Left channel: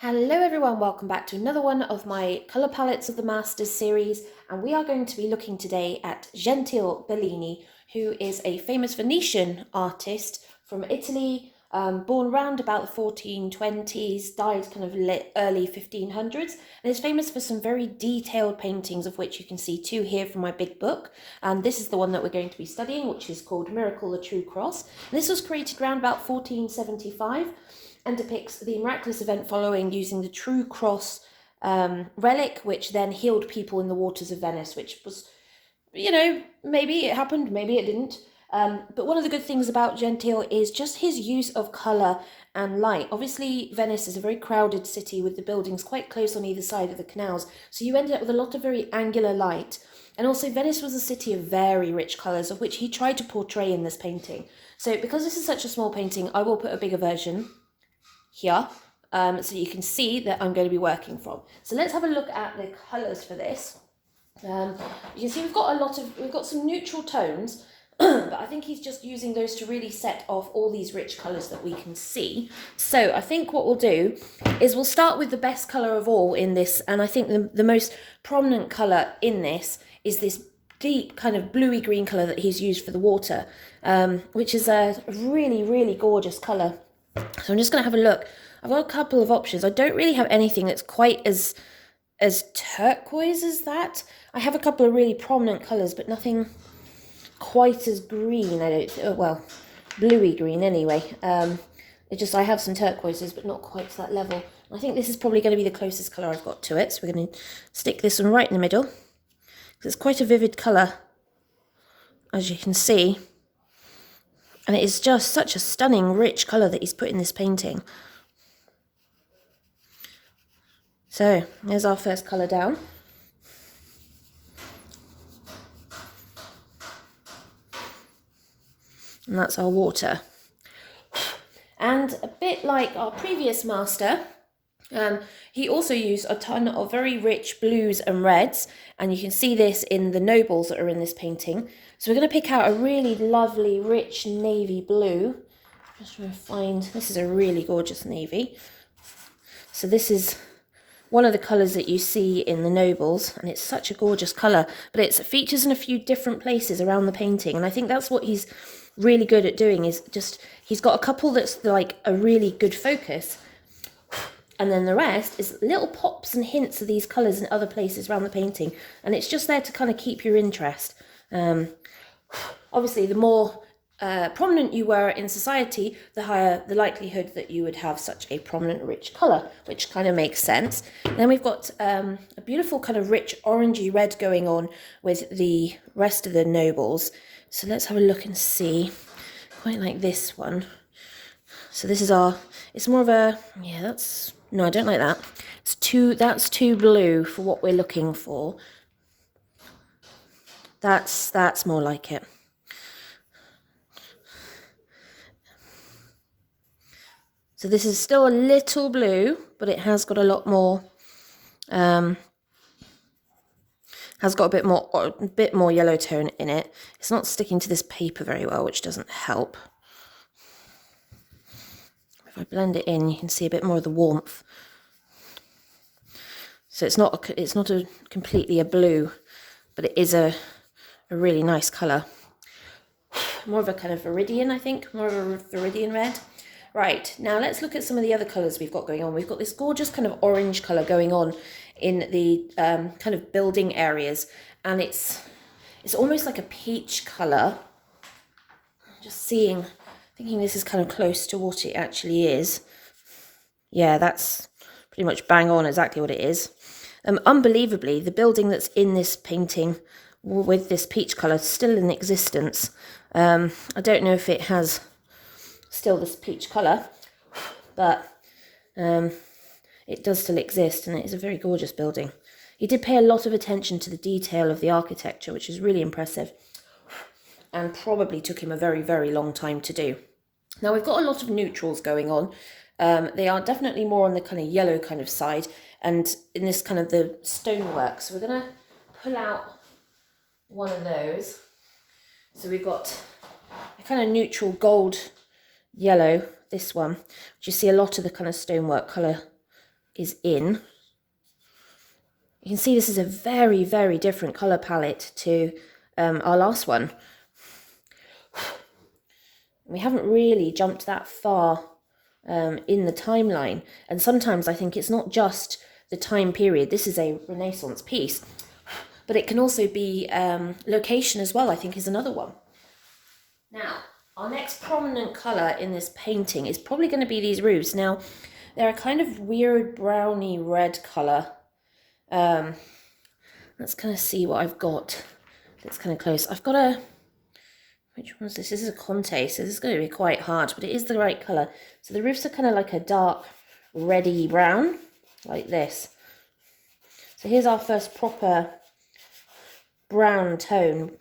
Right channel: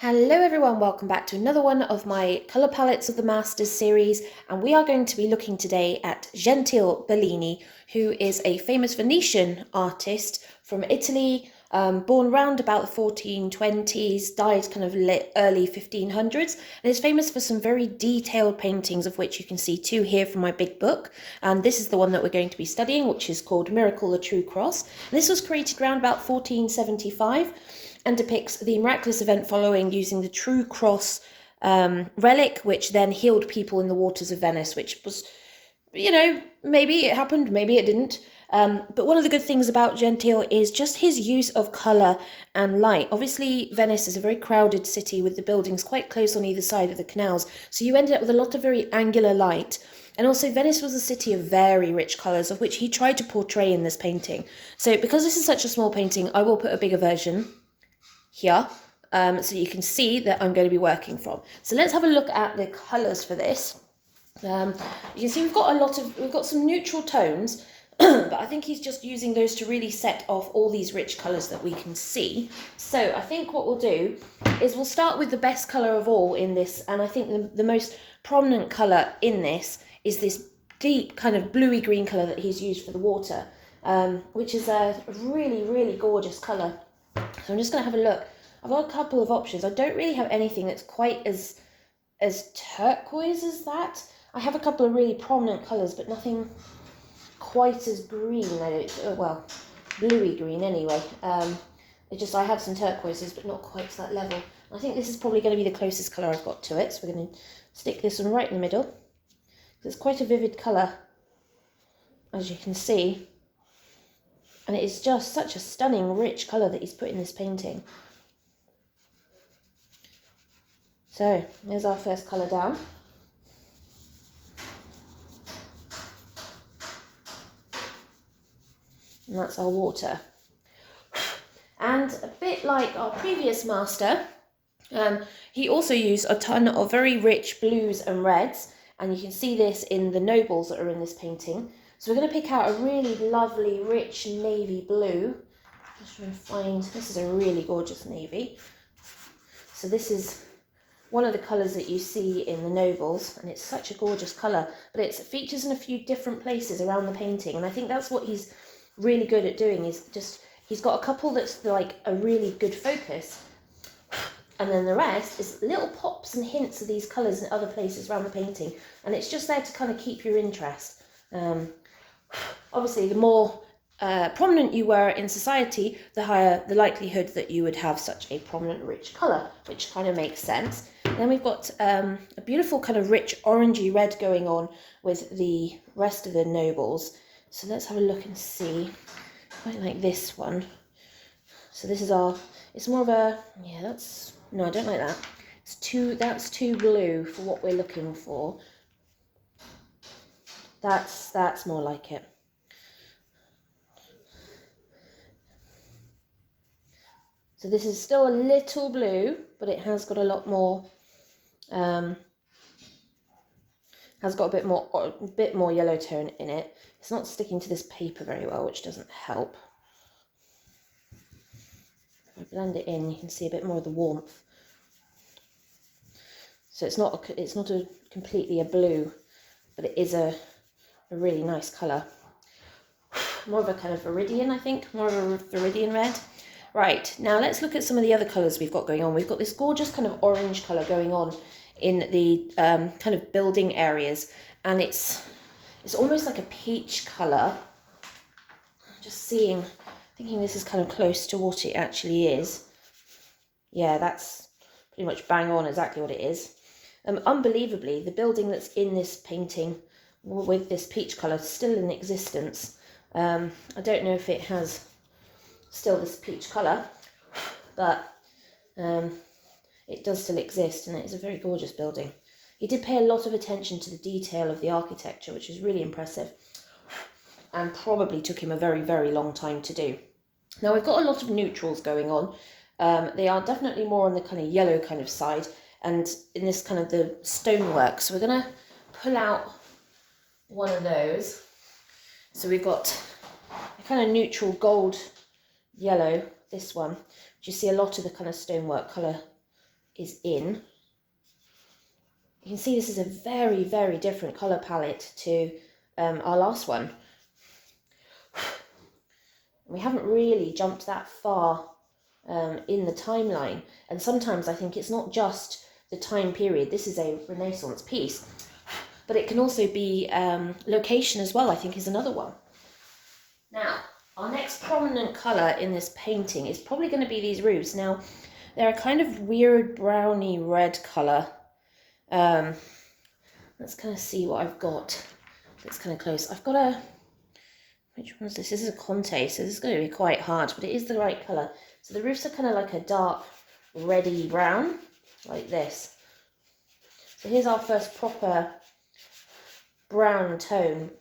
Hello everyone, welcome back to another one of my Colour Palettes of the Masters series, and we are going to be looking today at Gentile Bellini, who is a famous Venetian artist from Italy, born around about the 1420s, died kind of early 1500s, and is famous for some very detailed paintings, of which you can see two here from my big book. And this is the one that we're going to be studying, which is called Miracle, the True Cross. And this was created around about 1475. And depicts the miraculous event following using the True Cross relic, which then healed people in the waters of Venice, which was, maybe it happened, maybe it didn't. But one of the good things about Gentile is just his use of colour and light. Obviously, Venice is a very crowded city with the buildings quite close on either side of the canals, so you ended up with a lot of very angular light. And also, Venice was a city of very rich colours, of which he tried to portray in this painting. So because this is such a small painting, I will put a bigger version here, so you can see that I'm going to be working from. So let's have a look at the colours for this. You can see we've got some neutral tones, but I think he's just using those to really set off all these rich colours that we can see. So I think what we'll do is we'll start with the best colour of all in this, and I think the most prominent colour in this is this deep kind of bluey green colour that he's used for the water, which is a really, really gorgeous colour. So I'm just going to have a look. I've got a couple of options. I don't really have anything that's quite as turquoise as that. I have a couple of really prominent colours, but nothing quite as green. Well, bluey green anyway. I have some turquoises, but not quite to that level. I think this is probably going to be the closest colour I've got to it. So we're going to stick this one right in the middle. It's quite a vivid colour, as you can see. And it is just such a stunning, rich colour that he's put in this painting. So, there's our first colour down. And that's our water. And a bit like our previous master, he also used a ton of very rich blues and reds. And you can see this in the nobles that are in this painting. So we're going to pick out a really lovely, rich navy blue. Just trying to find, this is a really gorgeous navy. So this is one of the colours that you see in the nobles, and it's such a gorgeous colour. But it features in a few different places around the painting, and I think that's what he's really good at doing, is just, he's got a couple that's like a really good focus, and then the rest is little pops and hints of these colours in other places around the painting, and it's just there to kind of keep your interest. Obviously, the more prominent you were in society, the higher the likelihood that you would have such a prominent, rich colour, which kind of makes sense. And then we've got a beautiful kind of rich orangey red going on with the rest of the nobles. So let's have a look and see. Quite like this one. So this is it's more of a, no, I don't like that. That's too blue for what we're looking for. That's more like it. So this is still a little blue, but it has got a lot more, has got a bit more yellow tone in it. It's not sticking to this paper very well, which doesn't help. If I blend it in, you can see a bit more of the warmth. So it's not completely a blue, but it is a really nice colour. More of a kind of viridian, I think, more of a viridian red. Right, now let's look at some of the other colours we've got going on. We've got this gorgeous kind of orange colour going on in the kind of building areas, and it's almost like a peach colour. Just thinking this is kind of close to what it actually is. Yeah, that's pretty much bang on exactly what it is. Unbelievably, the building that's in this painting with this peach colour is still in existence. I don't know if it has still this peach colour, but it does still exist, and it is a very gorgeous building. He did pay a lot of attention to the detail of the architecture, which is really impressive, and probably took him a very, very long time to do. Now we've got a lot of neutrals going on. They are definitely more on the kind of yellow kind of side, and in this kind of the stonework. So we're going to pull out one of those. So we've got a kind of neutral gold yellow, this one, which you see a lot of the kind of stonework colour is in. You can see this is a very, very different colour palette to our last one. We haven't really jumped that far in the timeline. And sometimes I think it's not just the time period. This is a Renaissance piece, but it can also be location as well, I think, is another one. Now, our next prominent colour in this painting is probably going to be these roofs. Now, they're a kind of weird browny red colour. Let's kind of see what I've got. It's kind of close. I've got a... Which one is this? This is a Conte, so this is going to be quite hard, but it is the right colour. So the roofs are kind of like a dark reddy brown, like this. So here's our first proper brown tone.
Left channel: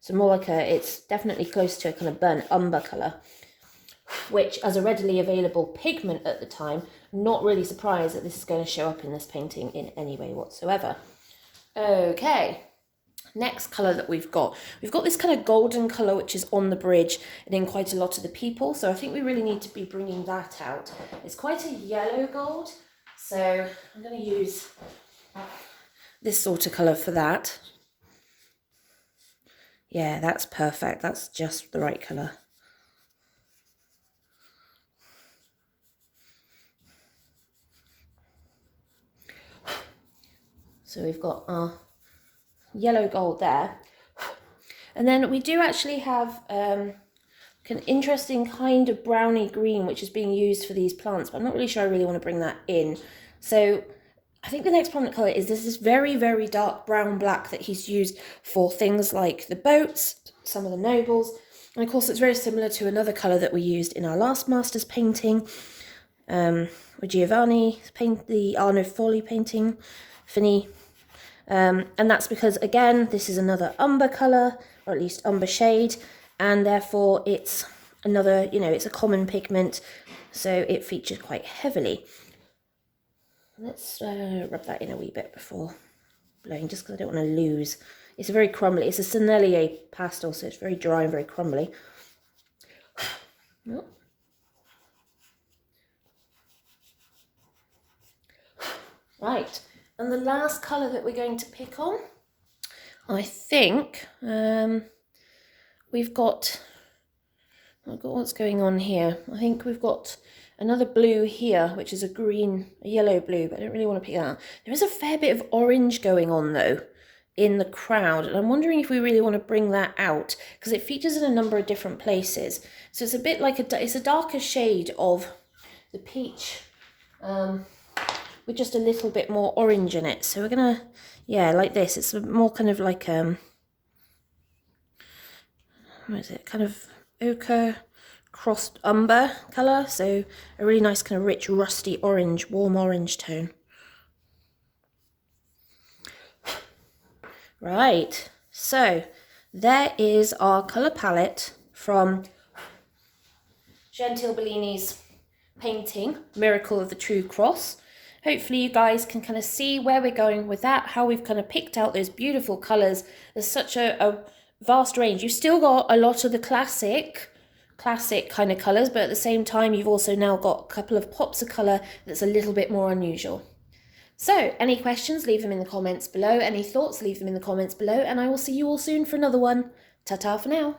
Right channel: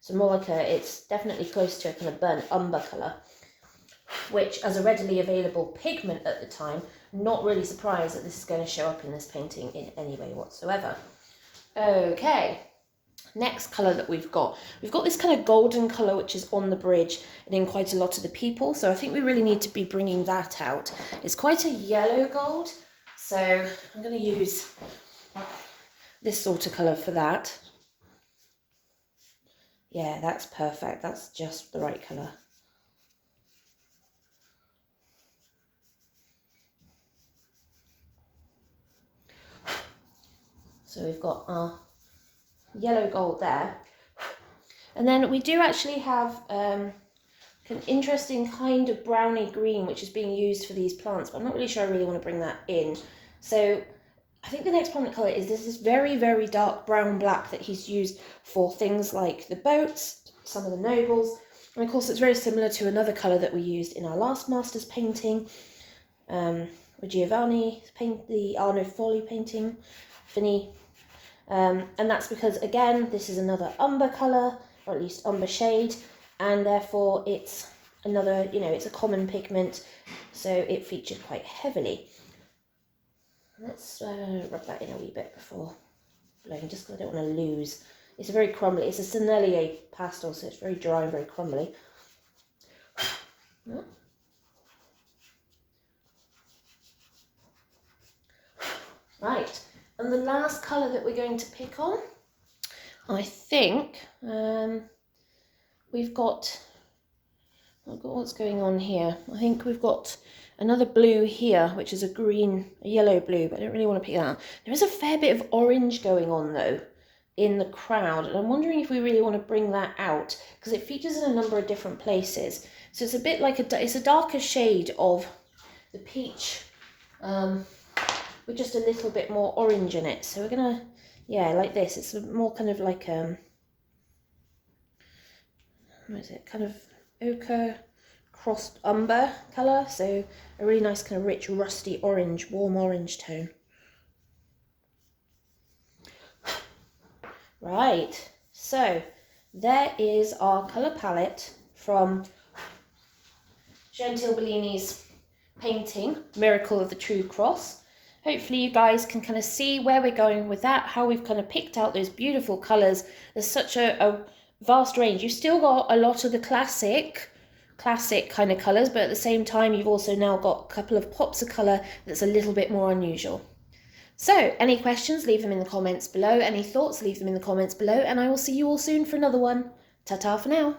So more like it's definitely close to a kind of burnt umber colour, which as a readily available pigment at the time, not really surprised that this is going to show up in this painting in any way whatsoever. Okay, next colour that we've got this kind of golden colour which is on the bridge and in quite a lot of the people, so I think we really need to be bringing that out. It's quite a yellow gold, so I'm going to use this sort of colour for that. Yeah, that's perfect. That's just the right colour. So we've got our yellow gold there. And then we do actually have an interesting kind of browny green which is being used for these plants, but I'm not really sure I really want to bring that in. So I think the next prominent colour is this very, very dark brown black that he's used for things like the boats, some of the nobles, and of course it's very similar to another colour that we used in our last master's painting, with Giovanni, the Arno Folli painting, Fini, and that's because again this is another umber colour, or at least umber shade, and therefore it's another, it's a common pigment, so it features quite heavily. Let's rub that in a wee bit before blowing, just because I don't want to lose. It's a very crumbly, it's a Sennelier pastel, so it's very dry and very crumbly. Oh. Right, and the last colour that we're going to pick on, I think we've got what's going on here. I think we've got another blue here, which is a yellow blue, but I don't really want to pick that up. There is a fair bit of orange going on though in the crowd, and I'm wondering if we really want to bring that out because it features in a number of different places. So it's a bit like it's a darker shade of the peach, with just a little bit more orange in it. So we're gonna, like this. It's more kind of like what is it? Kind of ochre crossed umber colour, so a really nice kind of rich rusty orange, warm orange tone. Right, so there is our colour palette from Gentile Bellini's painting, Miracle of the True Cross. Hopefully you guys can kind of see where we're going with that, how we've kind of picked out those beautiful colours. There's such a vast range. You've still got a lot of the classic kind of colours, but at the same time you've also now got a couple of pops of colour that's a little bit more unusual. So any questions, leave them in the comments below. Any thoughts, leave them in the comments below, and I will see you all soon for another one. Ta-ta for now.